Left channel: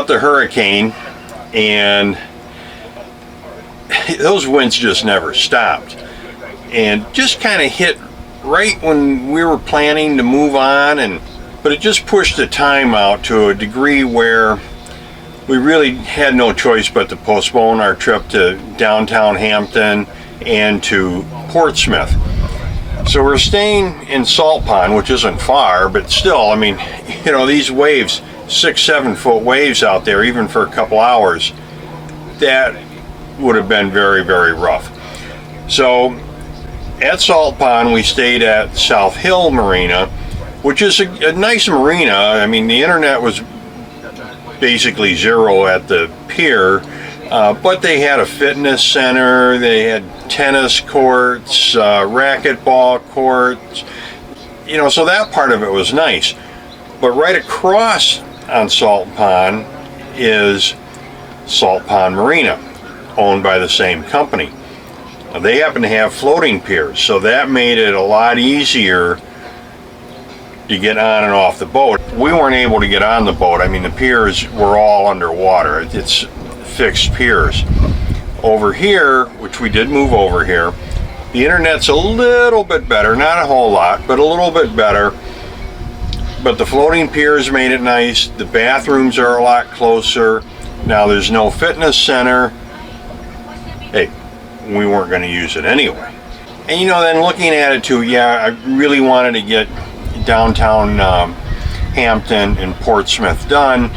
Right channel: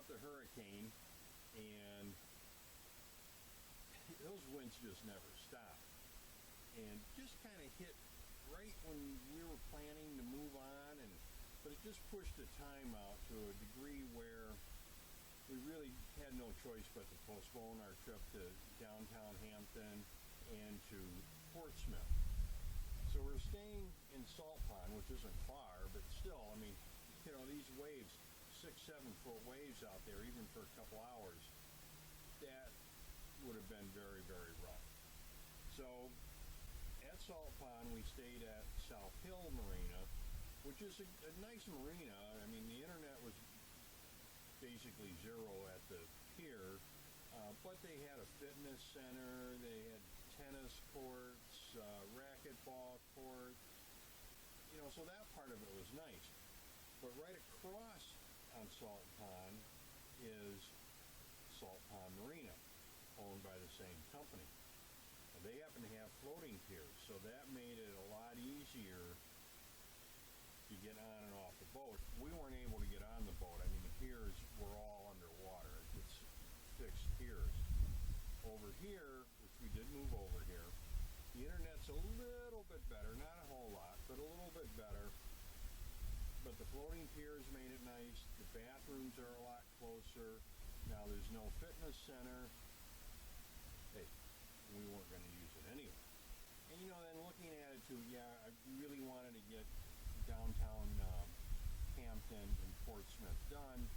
out the hurricane, and those winds just never stopped, and just kind of hit right when we were planning to move on, but it just pushed the time out to a degree where we really had no choice but to postpone our trip to downtown Hampton and to Portsmouth. So we're staying in Salt Pond, which isn't far, but still, I mean, you know, these waves, 6-7 foot waves out there, even for a couple hours, that would have been very, very rough. So at Salt Pond, we stayed at South Hill Marina, which is a nice marina. I mean, the internet was basically zero at the pier, but they had a fitness center, they had tennis courts, racquetball courts, you know, so that part of it was nice. But right across on Salt Pond is Salt Pond Marina, owned by the same company. Now, they happen to have floating piers, so that made it a lot easier to get on and off the boat. We weren't able to get on the boat. I mean, the piers were all underwater. It's fixed piers. Over here, which we did move over here, the internet's a little bit better, not a whole lot, but a little bit better. But the floating piers made it nice. The bathrooms are a lot closer. Now there's no fitness center. Hey, we weren't going to use it anyway. And you know, then looking at it too, yeah, I really wanted to get downtown Hampton and Portsmouth done,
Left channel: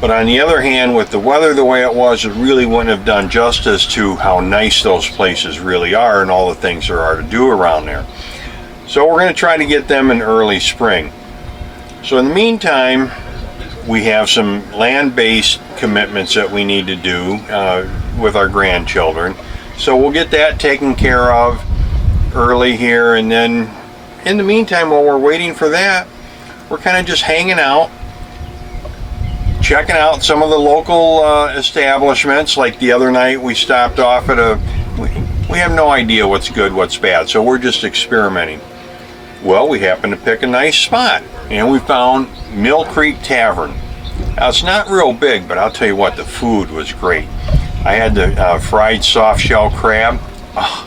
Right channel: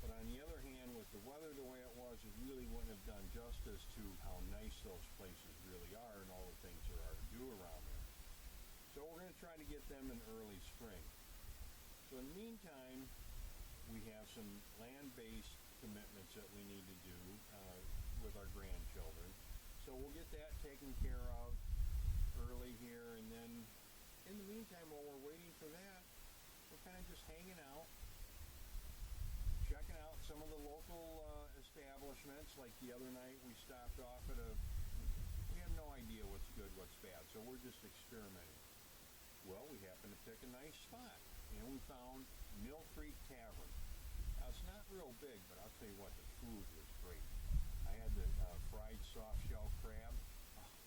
but on the other hand, with the weather the way it was, it really wouldn't have done justice to how nice those places really are and all the things there are to do around there. So we're going to try to get them in early spring. So in the meantime, we have some land-based commitments that we need to do with our grandchildren, so we'll get that taken care of early here, and then in the meantime, while we're waiting for that, we're kind of just hanging out, checking out some of the local establishments. Like the other night, we stopped off at we have no idea what's good, what's bad, so we're just experimenting. Well, we happened to pick a nice spot, and we found Mill Creek Tavern. Now, it's not real big, but I'll tell you what, the food was great. I had the fried soft shell crab. Oh,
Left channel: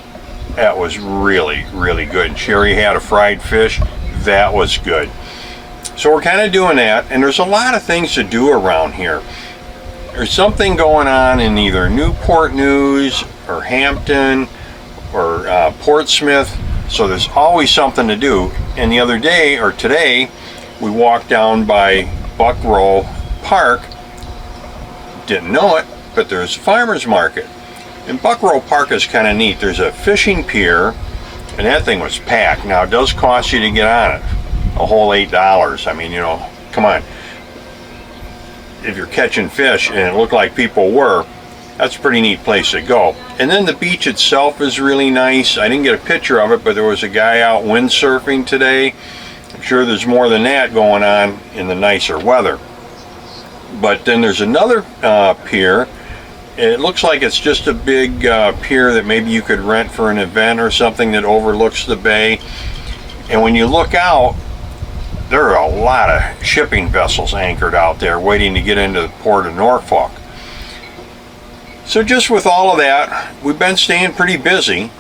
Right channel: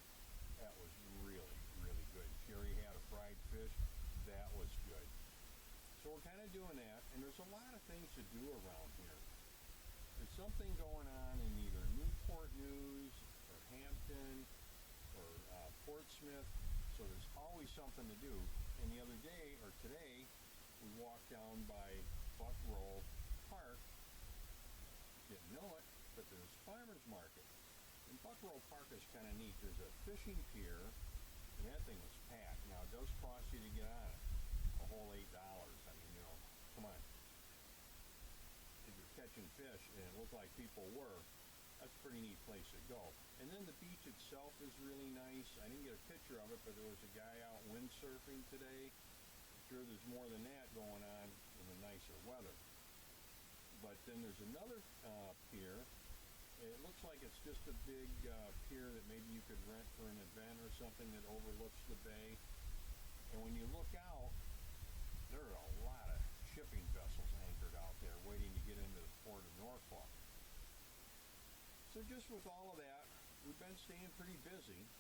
that was really, really good. Sherry had a fried fish. That was good. So we're kind of doing that, and there's a lot of things to do around here. There's something going on in either Newport News or Hampton or Portsmouth, so there's always something to do. And the other day, or today, we walked down by Buckrow Park. Didn't know it, but there's a farmer's market. And Buckrow Park is kind of neat. There's a fishing pier, and that thing was packed. Now, it does cost you to get on it a whole $8. I mean, you know, come on. If you're catching fish, and it looked like people were, that's a pretty neat place to go. And then the beach itself is really nice. I didn't get a picture of it, but there was a guy out windsurfing today. I'm sure there's more than that going on in the nicer weather. But then there's another pier. It looks like it's just a big pier that maybe you could rent for an event or something that overlooks the bay. And when you look out, there are a lot of shipping vessels anchored out there waiting to get into the port of Norfolk. So just with all of that, we've been staying pretty busy.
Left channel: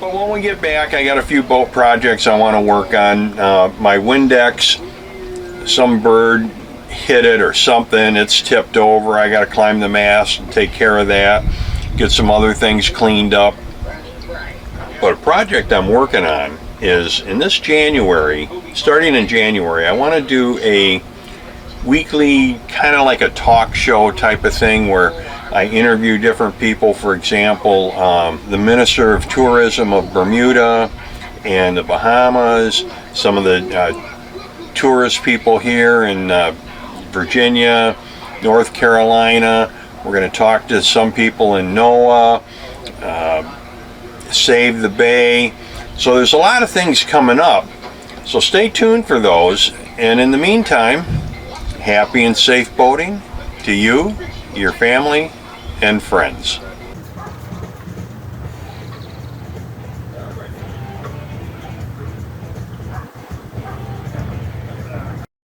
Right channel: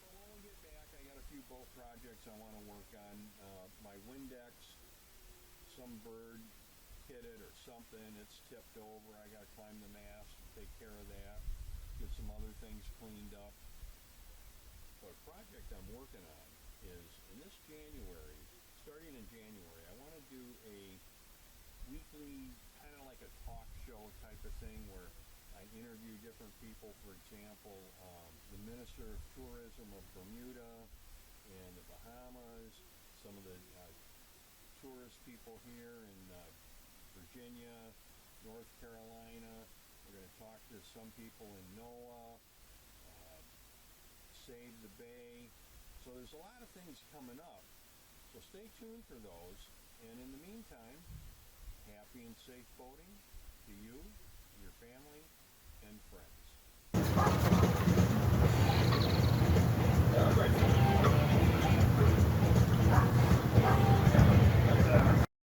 But when we get back, I got a few boat projects I want to work on. My Windex, some bird hit it or something, it's tipped over. I got to climb the mast and take care of that, get some other things cleaned up. But a project I'm working on is in this January, starting in January, I want to do a weekly, kind of like a talk show type of thing where I interview different people. For example, the Minister of Tourism of Bermuda and the Bahamas, some of the tourist people here in Virginia, North Carolina. We're going to talk to some people in NOAA, Save the Bay. So there's a lot of things coming up. So stay tuned for those. And in the meantime, happy and safe boating to you, your family, and friends.